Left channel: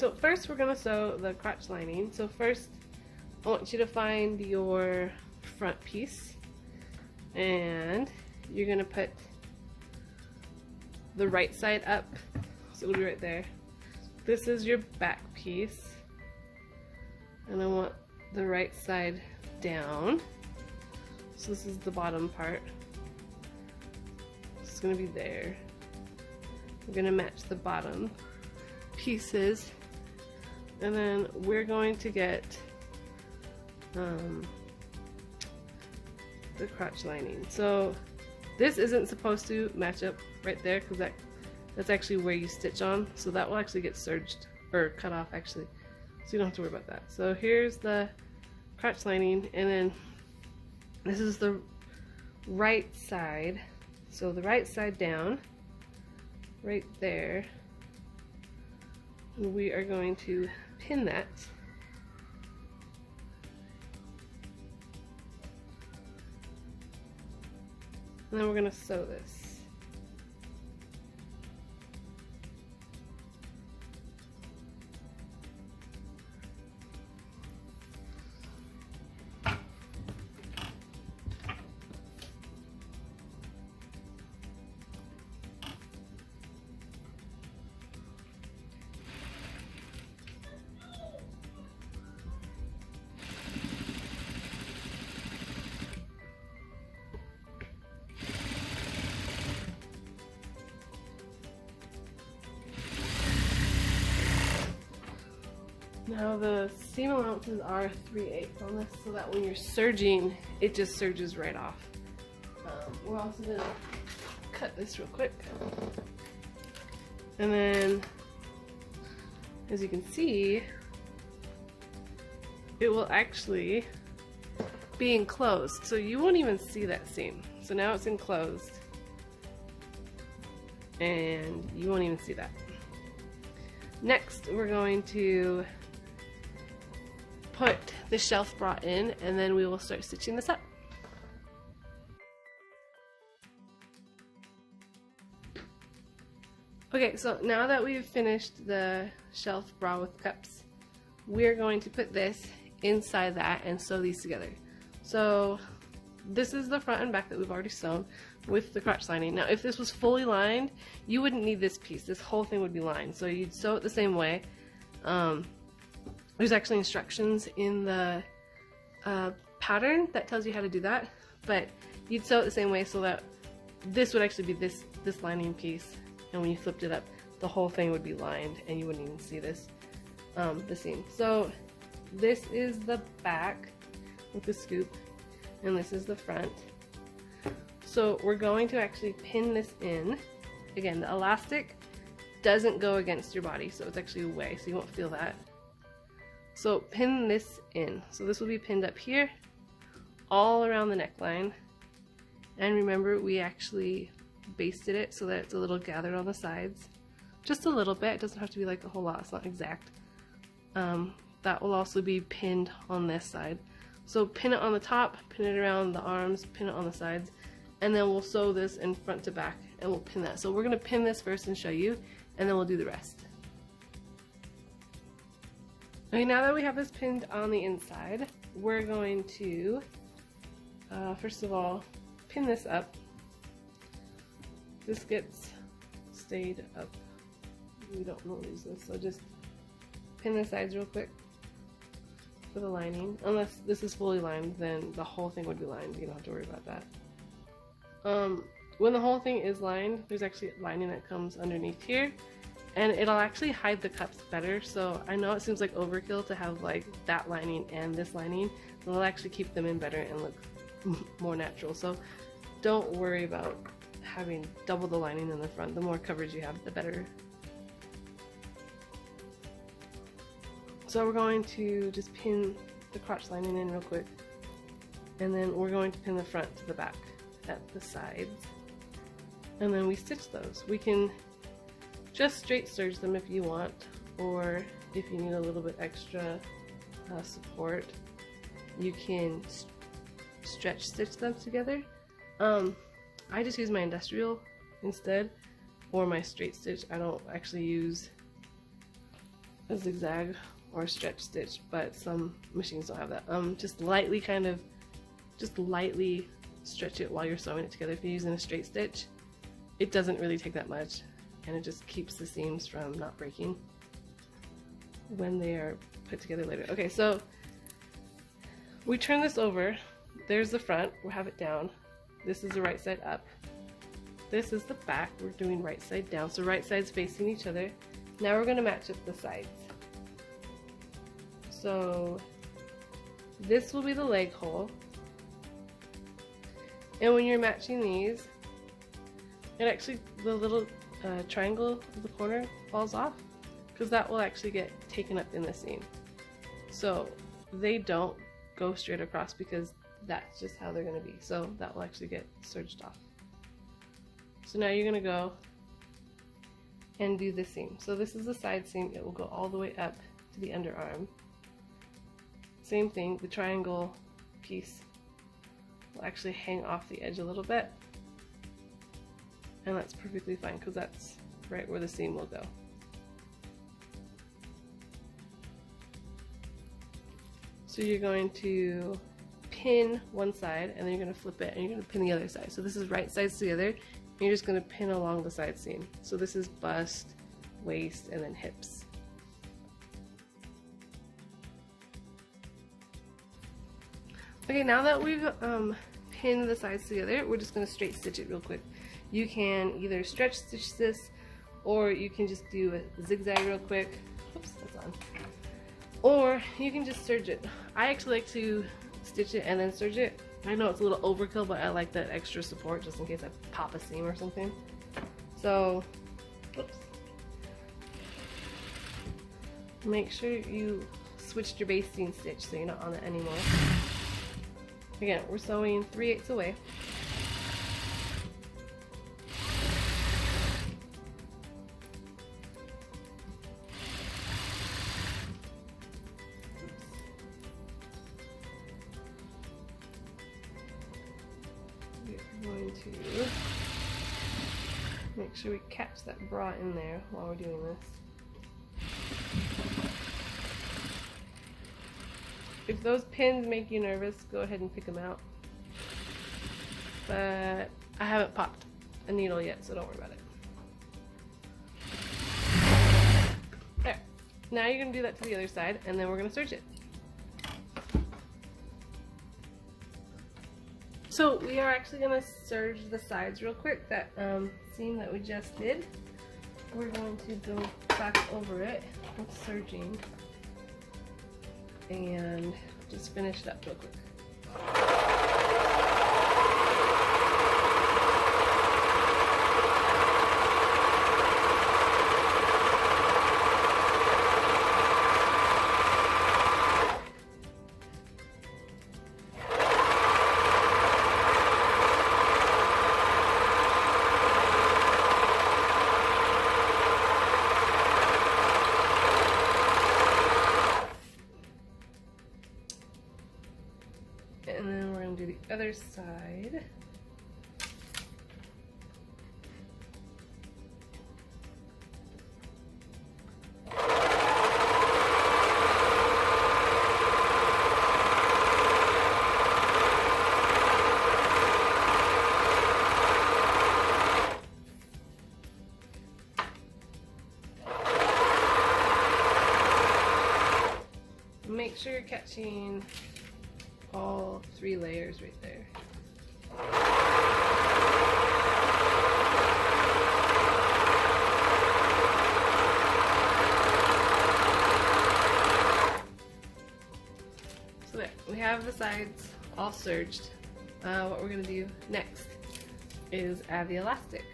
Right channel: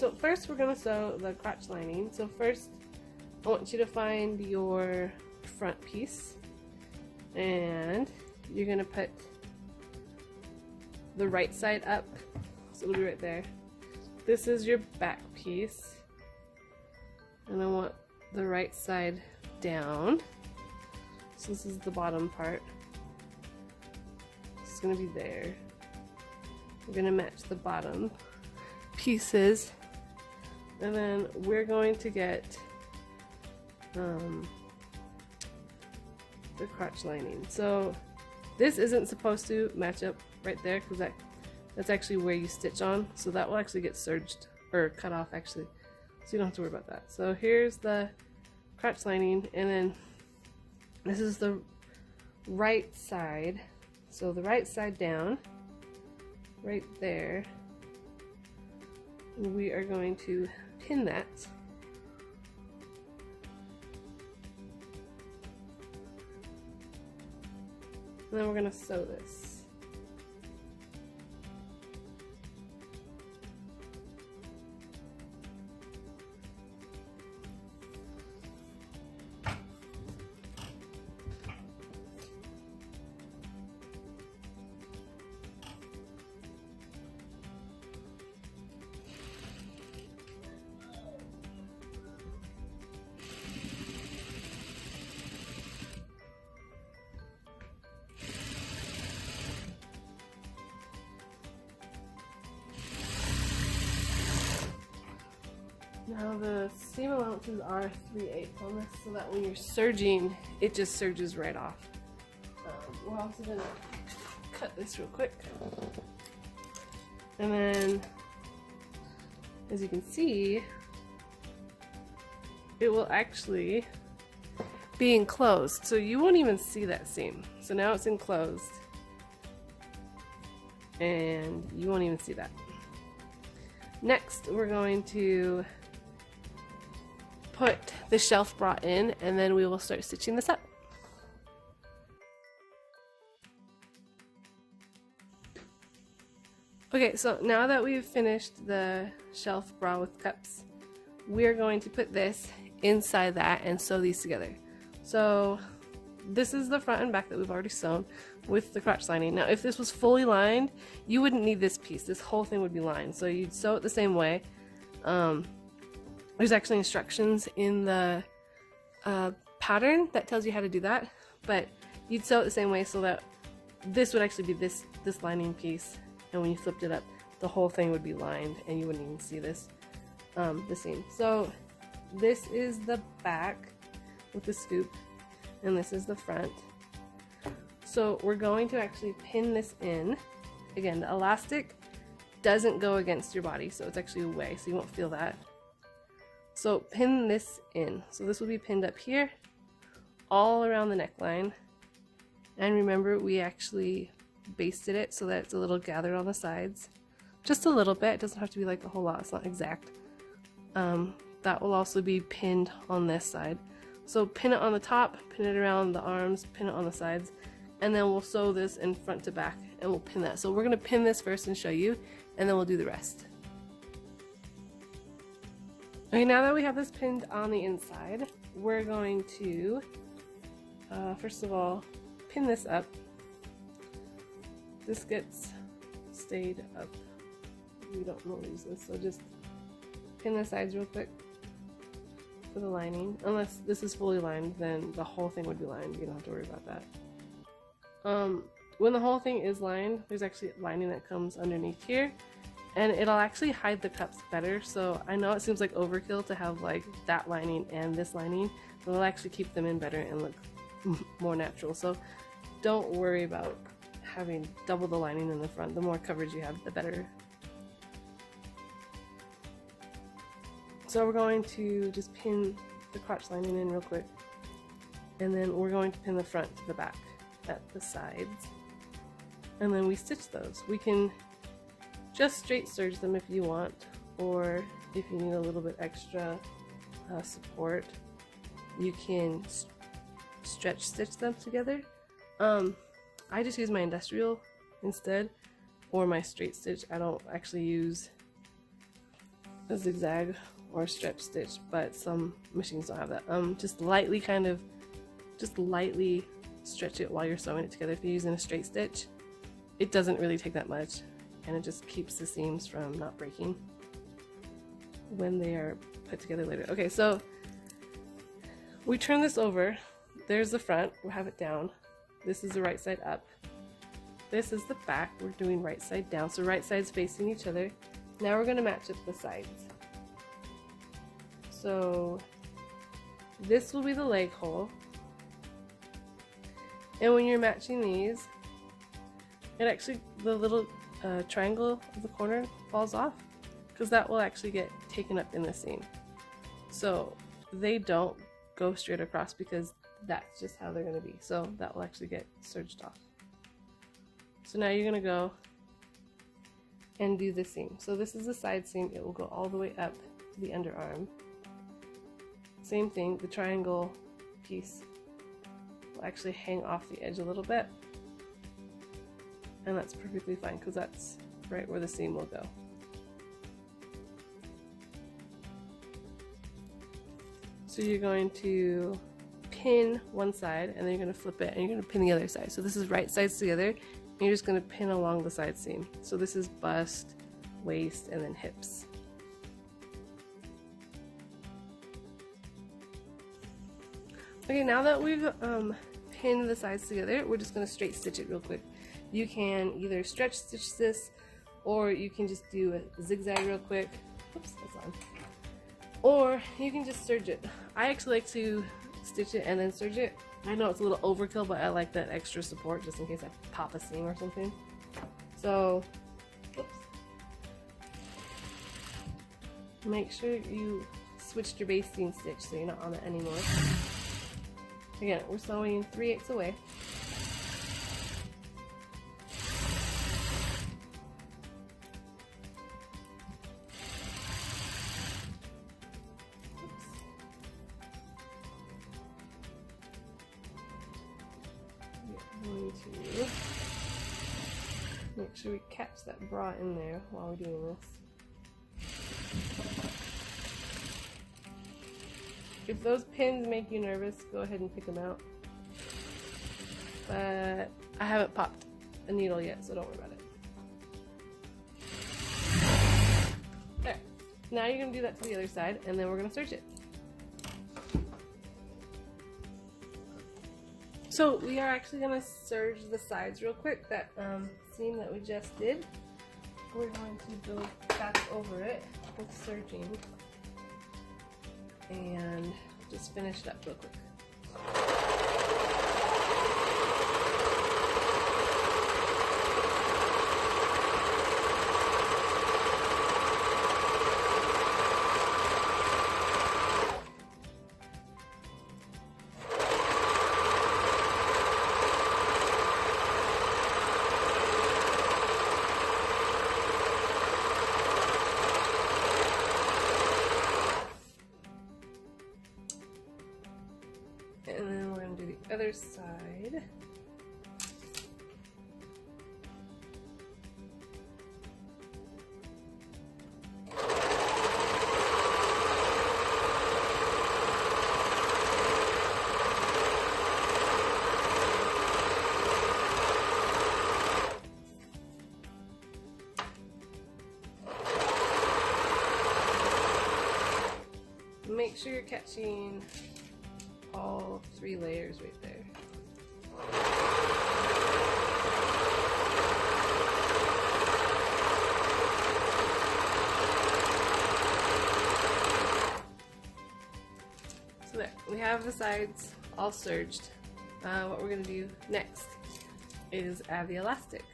so first we're going to sew the crotch lining. So first I want you to find your front piece, and you're going to put the right side up, so it'll be right there. This is your back piece, and I want the right side down. So this is the bottom part. It's going to be there. We're going to match the bottom pieces, and then we're going to get the crotch lining. So this isn't supposed to match up right there because that's actually where you stitch on, so that will actually get serged or cut off actually, so you don't have to worry about that. So here's the crotch lining, and then this is the right side, so the right side down right there. We are going to pin that. And then we're going to sew this. Now the seam allowances are 3/8 on this, so that when you're serging, it just serges right off. We're also going to cut this real quick. And then, as you can see, it will actually be enclosed, so you won't even see that seam. So now it's enclosed, and you won't even see that. Next, we're going to put the shelf bra in, and then we will start stitching this up. Okay, so now that we've finished the shelf bra with cups, we're going to put this inside that and sew these together. So this is the front and back that we've already sewn with the crotch lining. Now if this was fully lined, you wouldn't need this piece. This whole thing would be lined, so you'd sew it the same way. There's actually instructions in the pattern that tells you how to do that, but you'd sew it the same way so that this would actually be this lining piece, and when you flipped it up, the whole thing would be lined and you wouldn't even see this, the seam. So this is the back with the scoop, and this is the front. So we're going to actually pin this in. Again, the elastic doesn't go against your body, so it's actually away, so you won't feel that. So pin this in. So this will be pinned up here, all around the neckline. And remember, we actually basted it so that it's a little gathered on the sides. Just a little bit, it doesn't have to be like a whole lot, it's not exact. That will also be pinned on this side. So pin it on the top, pin it around the arms, pin it on the sides, and then we'll sew this in front to back and we'll pin that. So we're gonna pin this first and show you, and then we'll do the rest. Okay, now that we have this pinned on the inside, we're going to, first of all, pin this up. This gets stayed up. We don't want to use this, so just pin the sides real quick for the lining. Unless this is fully lined, then the whole thing would be lined. You don't have to worry about that. When the whole thing is lined, there's actually lining that comes underneath here, and it'll actually hide the cups better. So I know it seems like overkill to have like that lining and this lining, but it'll actually keep them in better and look more natural. So don't worry about having double the lining in the front. The more coverage you have, the better. So we're going to just pin the crotch lining in real quick, and then we're going to pin the front to the back at the sides, and then we stitch those. We can just straight serge them if you want, or if you need a little bit extra support, you can stretch stitch them together. I just use my industrial instead, or my straight stitch. I don't actually use a zigzag or a stretch stitch, but some machines don't have that. Just lightly stretch it while you're sewing it together. If you're using a straight stitch, it doesn't really take that much, and it just keeps the seams from not breaking when they are put together later. Okay, so we turn this over. There's the front, we'll have it down. This is the right side up. This is the back, we're doing right side down. So right sides facing each other. Now we're gonna match up the sides. So this will be the leg hole. And when you're matching these, it actually, the little triangle of the corner falls off, because that will actually get taken up in the seam. So they don't go straight across because that's just how they're going to be. So that will actually get serged off. So now you're going to go and do the seam. So this is the side seam. It will go all the way up to the underarm. Same thing, the triangle piece will actually hang off the edge a little bit. And that's perfectly fine because that's right where the seam will go. So you're going to pin one side and then you're going to flip it and you're going to pin the other side. So this is right sides together and you're just going to pin along the side seam. So this is bust, waist, and then hips. Okay, now that we've pinned the sides together, we're just going to straight stitch it real quick. You can either stretch stitch this, or you can just do a zigzag real quick. Oops, that's on. Or you can just serge it. I actually like to stitch it and then serge it. I know it's a little overkill, but I like that extra support just in case I pop a seam or something. So, oops. Make sure you switched your basting stitch so you're not on it anymore. Again, we're sewing 3/8 away. We're going to make sure we catch that bra in there while we're doing this. If those pins make you nervous, go ahead and pick them out. But I haven't popped a needle yet, so don't worry about it. There. Now you're going to do that to the other side, and then we're going to serge it. So we are actually going to serge the sides real quick. That seam that we just did, we're going to go back over it with serging. And just finish it up real quick. And then we're going to do the other side. Make sure you're catching all 3 layers right there. So there, we have the sides all serged. What we're going to do next is add the elastic.